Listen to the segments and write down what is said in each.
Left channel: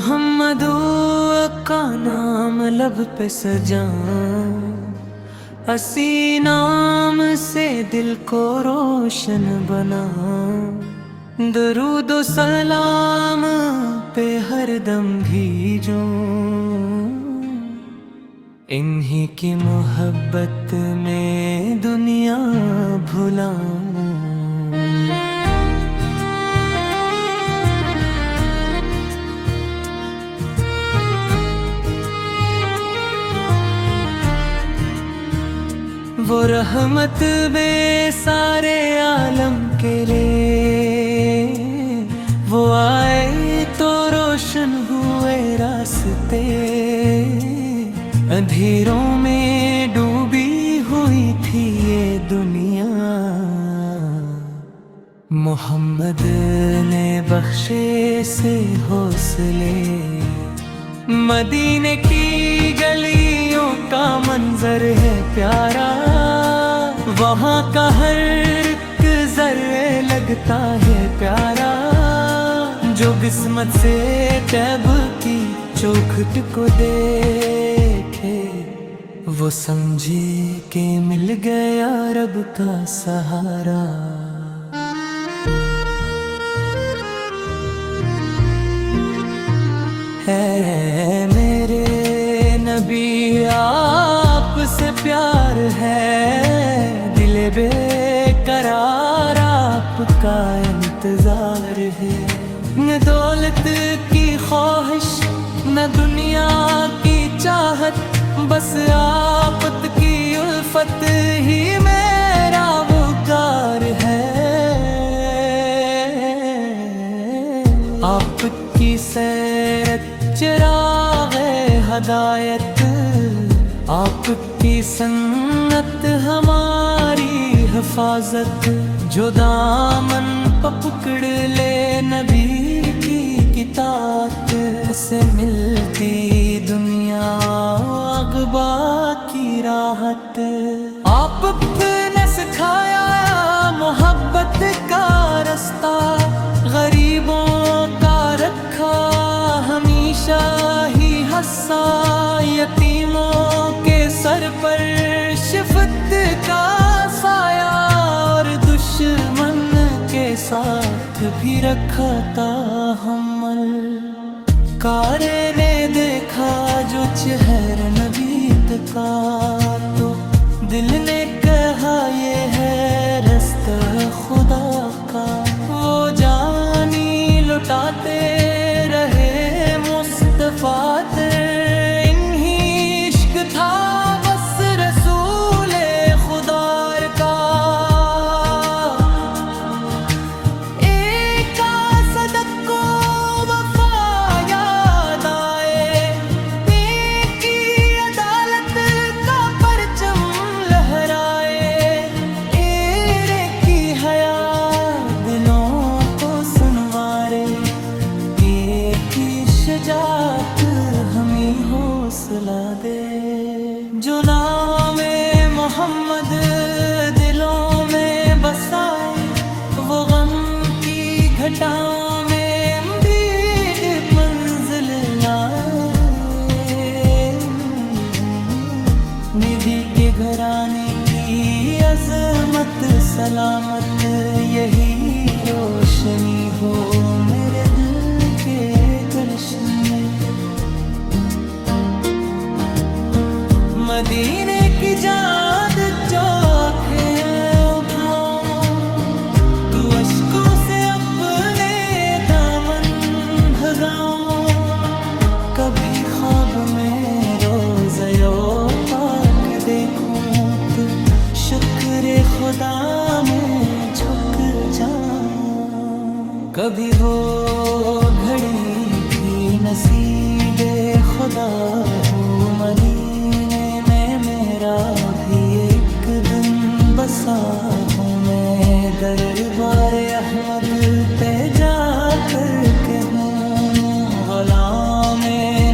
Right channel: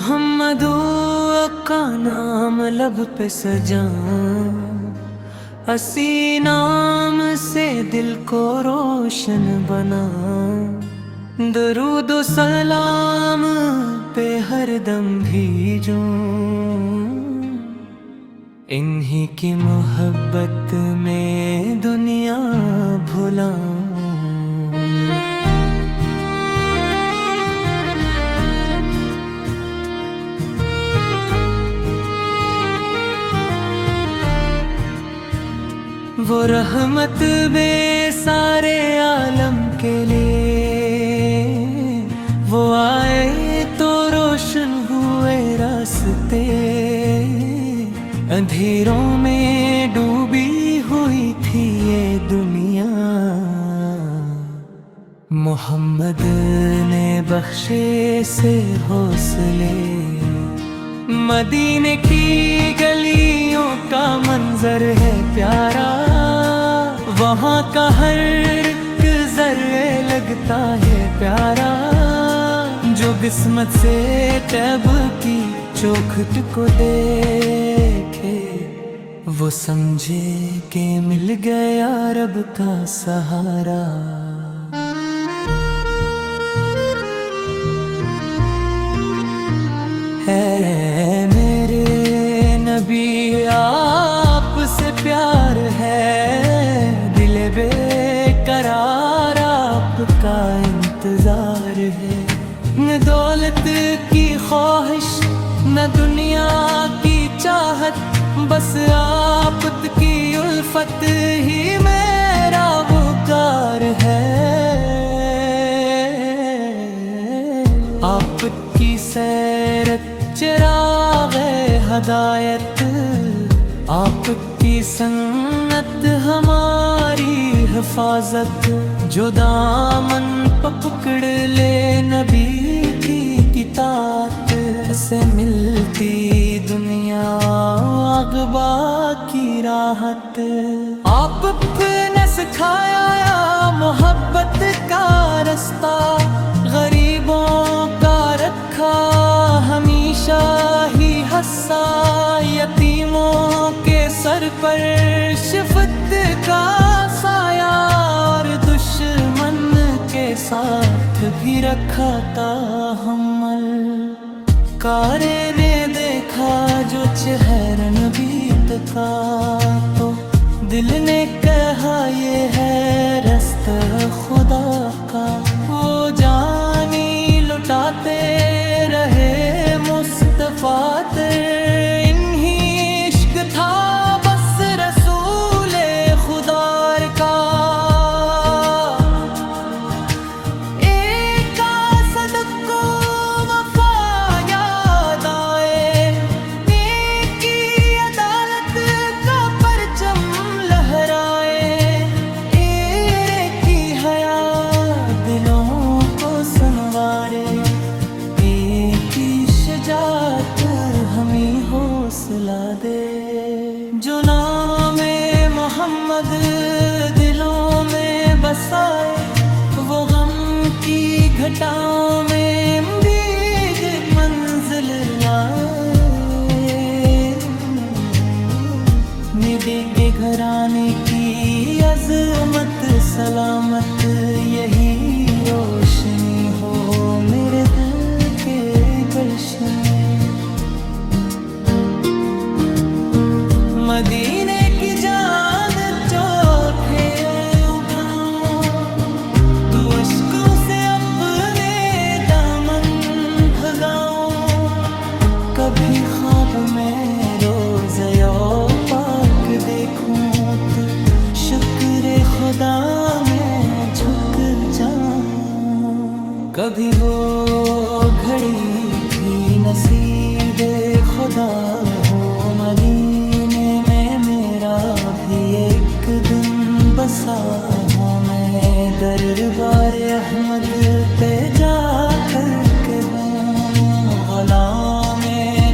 محمد کا نام لب پہ سجاؤں، اسی نام سے دل کو روشن بناؤں، درود و سلام پہ ہر دم بھیجوں، انہی کی محبت میں دنیا بھلاؤں۔ وہ رحمت بے سارے عالم کے لیے، وہ آئے تو روشن ہوئے راستے، اندھیروں میں ڈوبی ہوئی تھی یہ دنیا، محمد نے بخشے سے حوصلے، مدینے کی گلیوں کا منظر ہے پیارا، وہاں کا ہر ایک ذرے لگتا ہے پیارا، جو قسمت سے طیب کی چوکھٹ کو دیکھے، وہ سمجھے کہ مل گیا رب کا سہارا۔ ہے میرے نبی آپ سے پیار ہے، دل بے قرار آپ کا انتظار ہے، نہ دولت کی خواہش نہ دنیا کی چاہت، بس آپت کی الفت ہی میرا وقار ہے، آپ کی سیرت چراغ ہدایت، آپ کی سنت ہماری حفاظت، جو دامن پکڑ لے نبی کی اطاعت سے ملتی دنیا اغبا کی راحت، آپ نے سکھایا محبت کا رستہ، غریبوں کا رکھا ہمیشہ ہی حصہ، یتیموں کے سر پر شفقت کا سایہ، اور دشمن کے ساتھ بھی رکھا تحمل، کارے نے دیکھا جو چہر نبی کا، تو دل نے کہا یہ ہے رستہ خدا کا، وہ جانی لٹاتے رہے مصطفیٰ تر، انہی عشق تھا بس رسول خدا کا، ایک صدق کو وفا یاد آئے، نیکی عدالت کا پرچم لہرائے، ایڑے کی حیا دلوں کو سنوارے، ایک ہی شجاعت ہمیں حوصلہ دے، جو نام محمد دلوں میں بسائے، وہ غم کی گھٹاؤں میں بھی منزل لائے، نبی کے گھرانے کی عظمت سلامت، یہی روشنی ہو میرے دل کے گلشن میں، مدینے کی جاد چوکھے اٹھاؤں، تو اشکوں سے اپنے دامن بھگاؤں، کبھی خواب میں روضہ پاک دیکھوں، تو شکر خدا میں جھک جاؤں، کبھی وہ گھڑی بھی نصیب خدا ہو، مدینے میں میرا بھی ایک دن بسا ہوں، میں دربار احمد پہ جا کر کے ہوں، غلام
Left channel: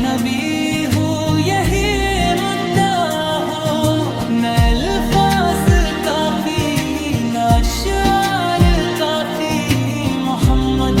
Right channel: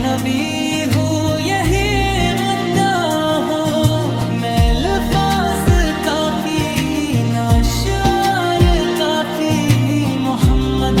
نبی ہوں یہی مدعا ہو، میں الفاظ کافی نہ اشعار کافی، محمد